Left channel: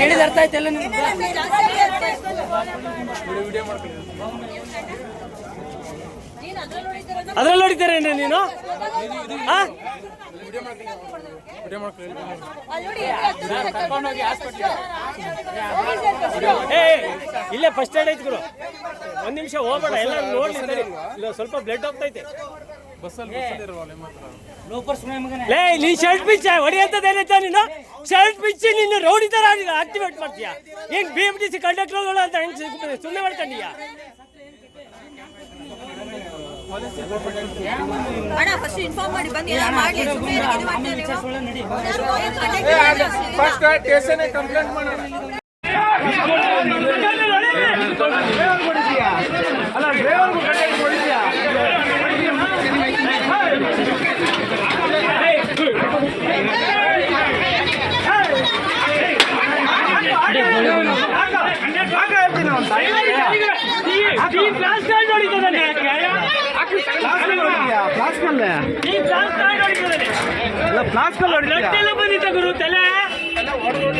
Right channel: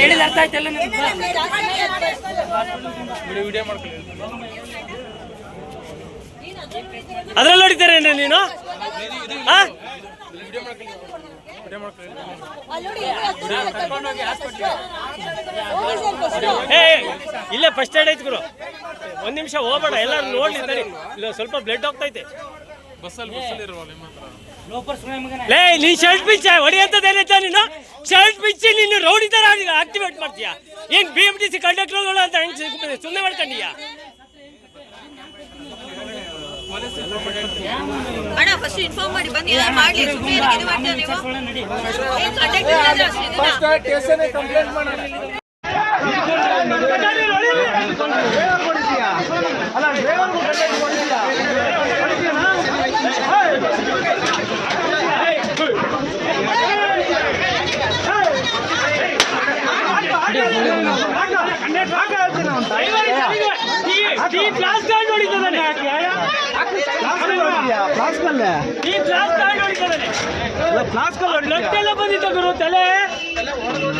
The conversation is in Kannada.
ಹೇಳಿದ ಅರ್ಥ ಆಯ್ತಲ್ಲ ಅದ್ರಲ್ಲಿ ನೋಡಿದ್ದಾರೇನ್ರಿ ನೀನು? ಇಲ್ಲೇ ಫಸ್ಟ್ ಏಡ್ ಐತಿ ಗುರು, ಒಂದ್ ನಿಮಿಷ ಹೋಗ್ಬೇಡ, ಎಲ್ಲರೂ ನೋಡ್ಲಿ ತಡಿ, ಇಲ್ಲ ಸ್ವಲ್ಪ ಬ್ಲಡ್ ಹೋಗ್ತೈತೆ. ಲೇ ನೀನ್ ಶರ್ಟ್ ಪಿಚ್ ಹೊಡಿಯಂತದೇನೈತ ನೀನು? ಶರ್ಟ್ ಪಿಚ್ ನೀನು ರೌಡಿ ತರ ಆಕ್ಟಿವೇಟ್ ಮಾಡ್ತೀಯಾ? ಏನ್ BMTC ಕಂಡಕ್ಟರ್ಗಳು ಅಂತ ಸುಮ್ಮನೆ ಮಾಡ್ಕೊಂಡಿಯ? ಬಂದಿದ್ದ ಗುರು ತಲೆ ಹೊಡೆದು